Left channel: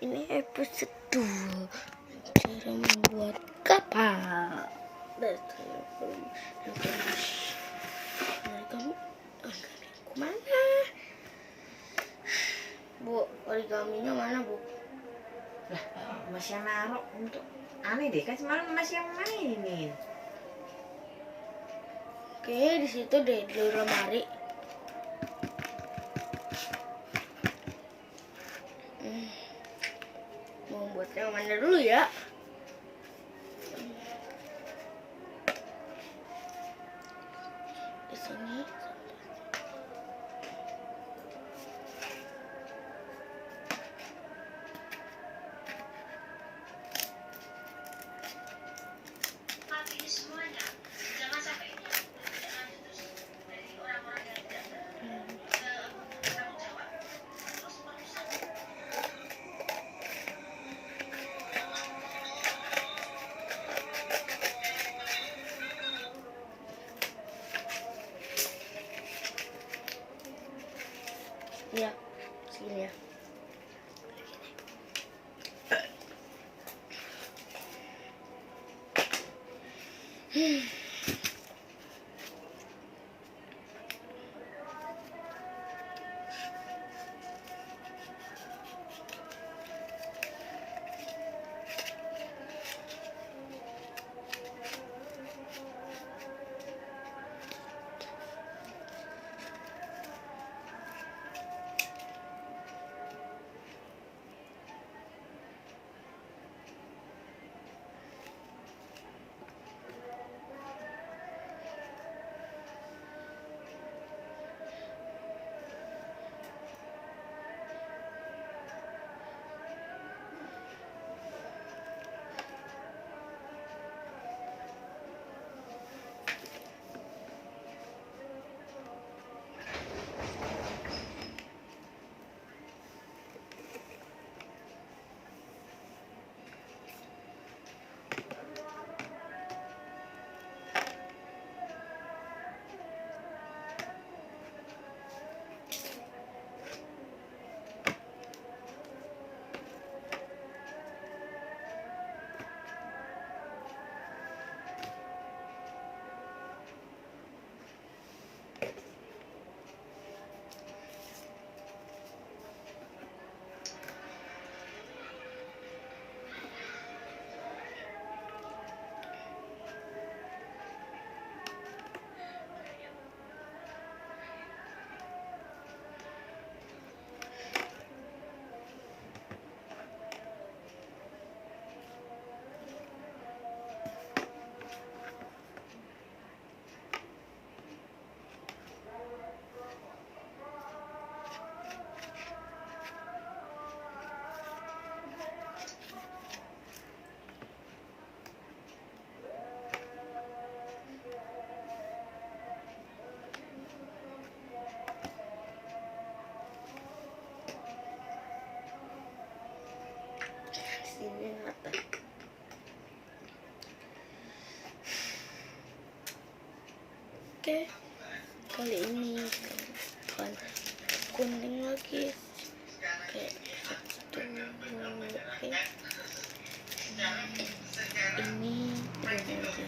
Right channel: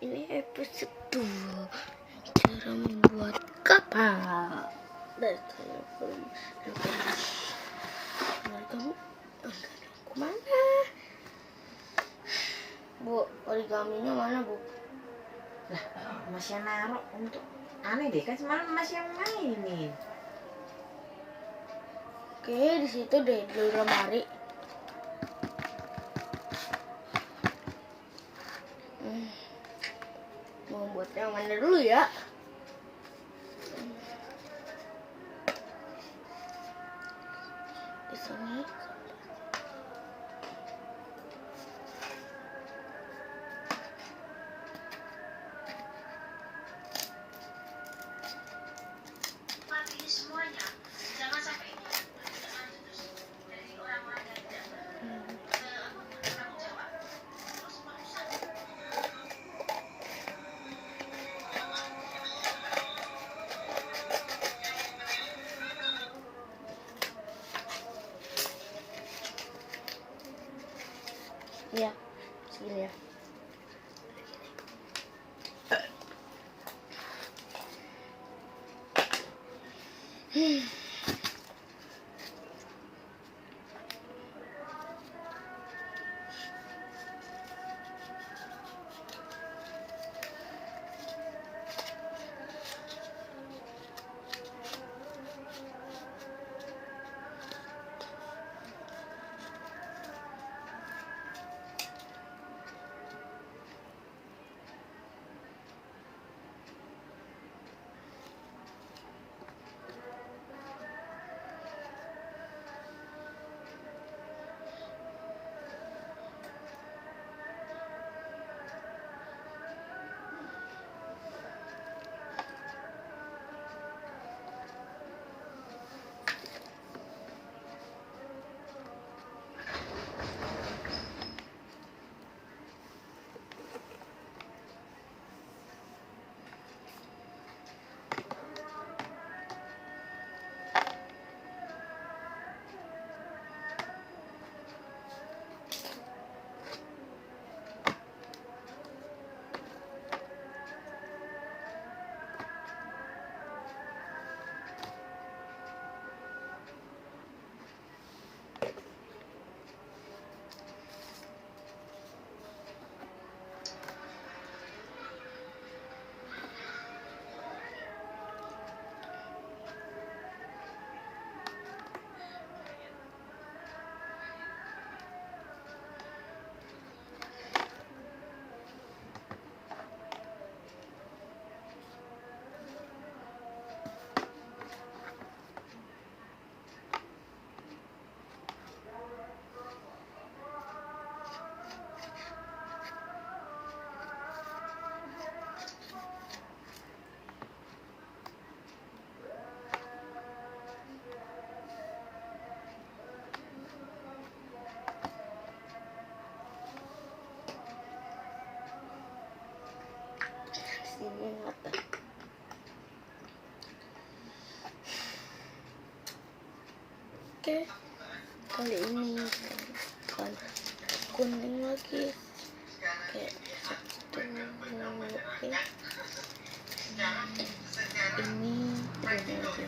Ini episode 2 cara membuat kapal. Dan saya belum kamu kemana? Bu, origaminya mana, Bu? Lah, masih naruh untuk aneh deh, kan semalam masih yang mainin. Oke, di situ deh di lemari. Mau buat yang mana dulu ya? Di sini. Semuanya jangan sampai dari orang-orang yang bertanggung jawab. Ya, segini ya. Sini atas. Oke, kali ini kan kuning lagi. Oke, satu. Oke. Ini aja.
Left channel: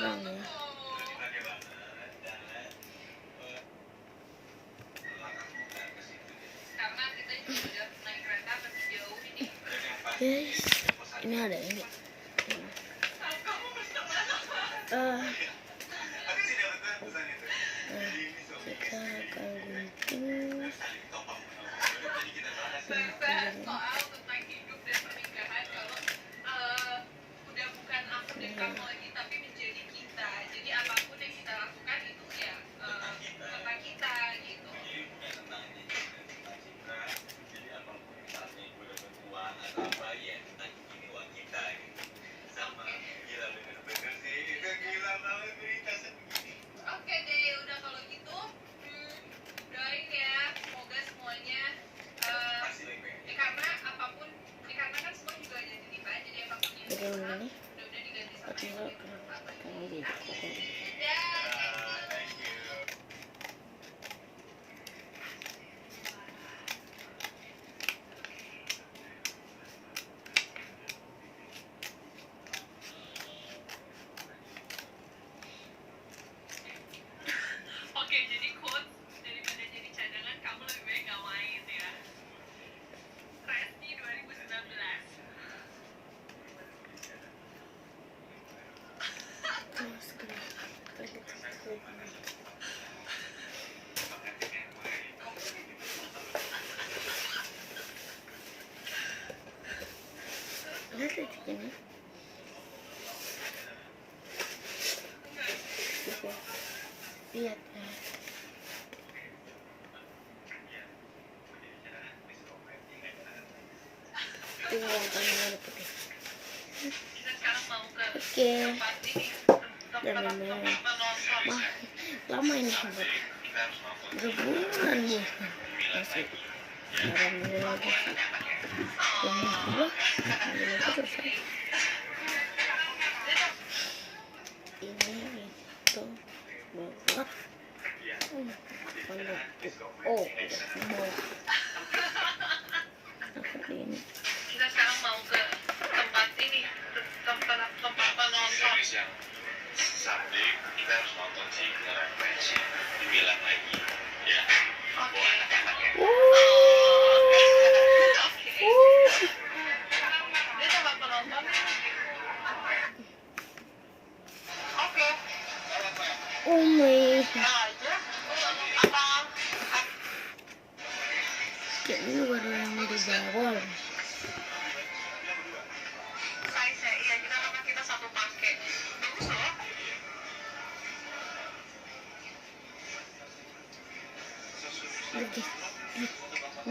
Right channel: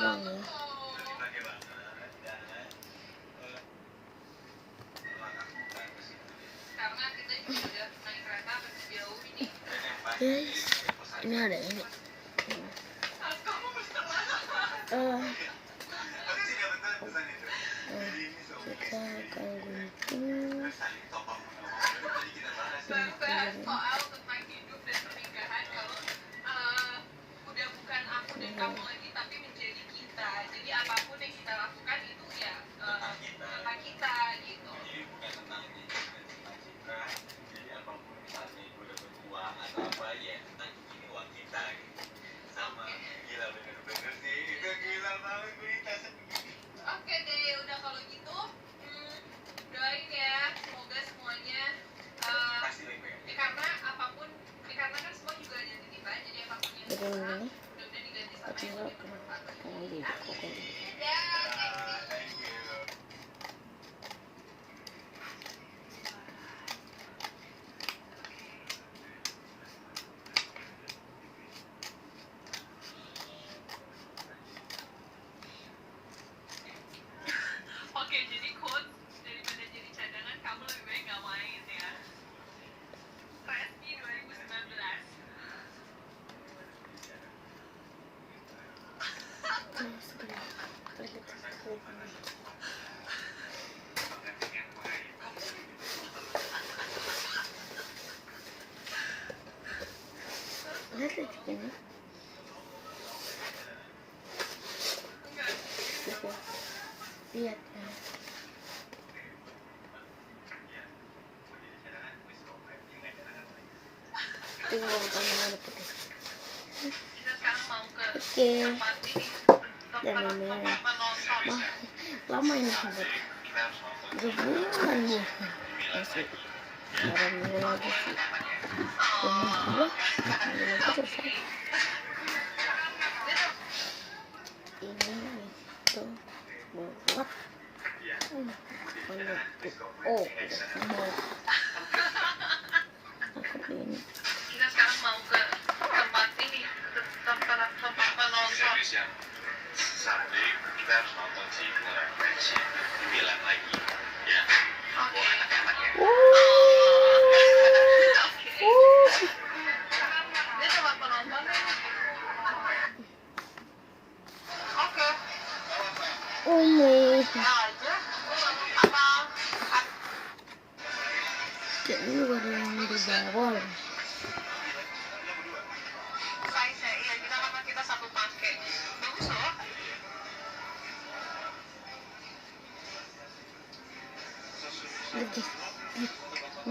terang ya. Guys, ini ada ini. Kita akan gunting soal tentang hidup dan pernikahan kalau udah bukan aku dan kamu lagi tapi menjadi kita. Jadi apapun yang kita lakukan itu ya tentang kita gitu. Oke deh, udah kalau gitu doain ya semoga semuanya karena kan semua juga ada di kita jadi apapun yang Jadi ini udah diganti sama atau yang enggak karena di koko. Oke, jadi quotes daripada jadi cadangan kamu lebih baik gak main ya. Resti 2019. Lihat aja ini. Lihat ya. Tinggal kamu putih. Kita sekarang mau ke Oke. tempat ini. Dan ini Menonton. lama ini sahabat. Berbulan nih. Masih. Barangnya lagi sih. Ini dua. Ini terus. Ini itu buat. Oh, mau. Aku ini. Kita sekarang mau ke tempat ini. Tempat menonton. Sabtu kita harus nonton si beneran versi dibilang lagi ya buat anak-anak ya. Dia tempat penonton nih. Oke. Oh my. Aja. Kayaknya baru yang di bawah. Size iya kita satu pakai. Bagus loh. Lagi.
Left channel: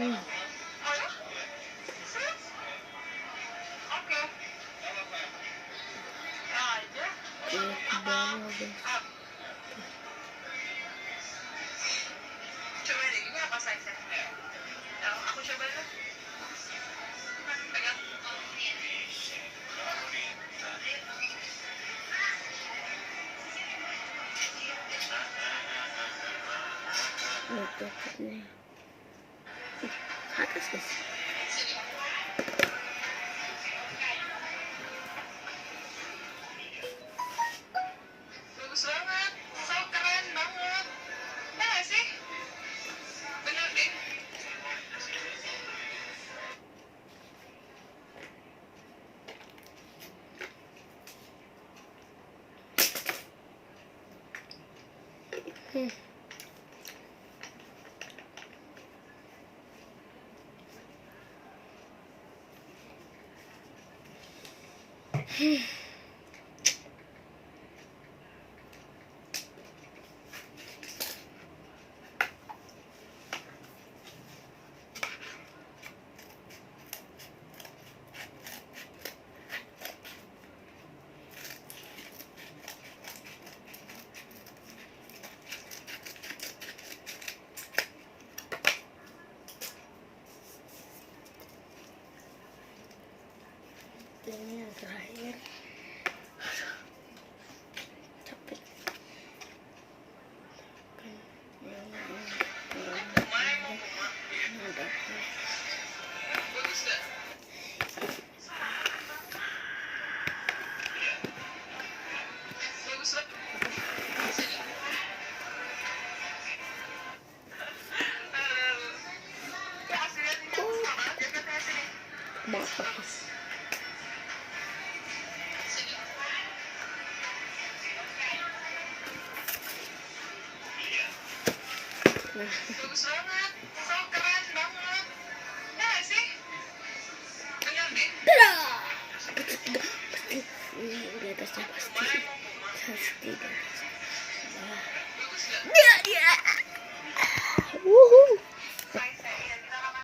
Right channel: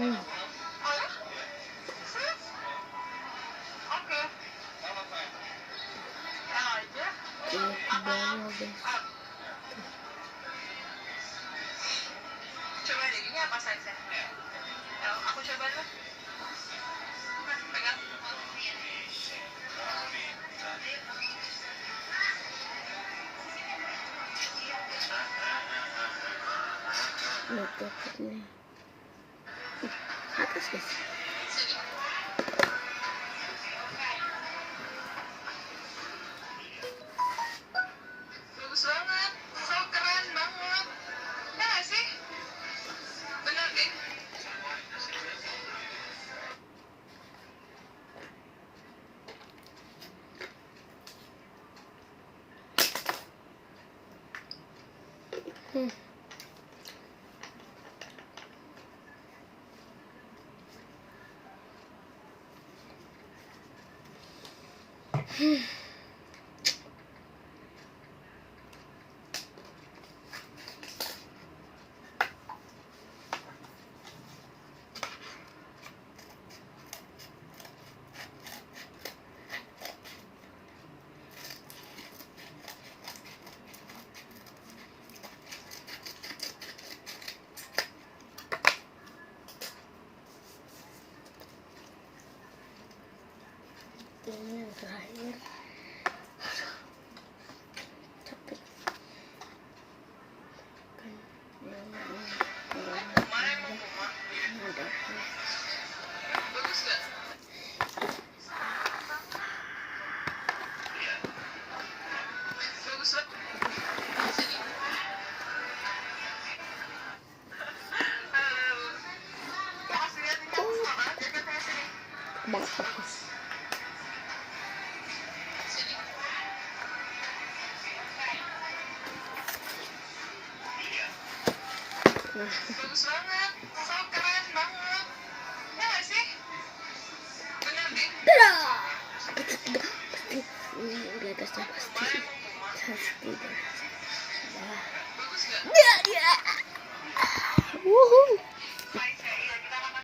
Oh ya? Oke. Aja. Ini ke bawah guys. Coba deh, ini apa size-nya? Aku coba dulu. Pegang. Untuk ini. Atas guys. Bagus banget. So keren banget. Ya nggak sih? Bener deh. Ini yang terakhir. Capek. Kan yang ada. Bagus nggak? Bagus banget. banget bagus. Nah, Bagus banget.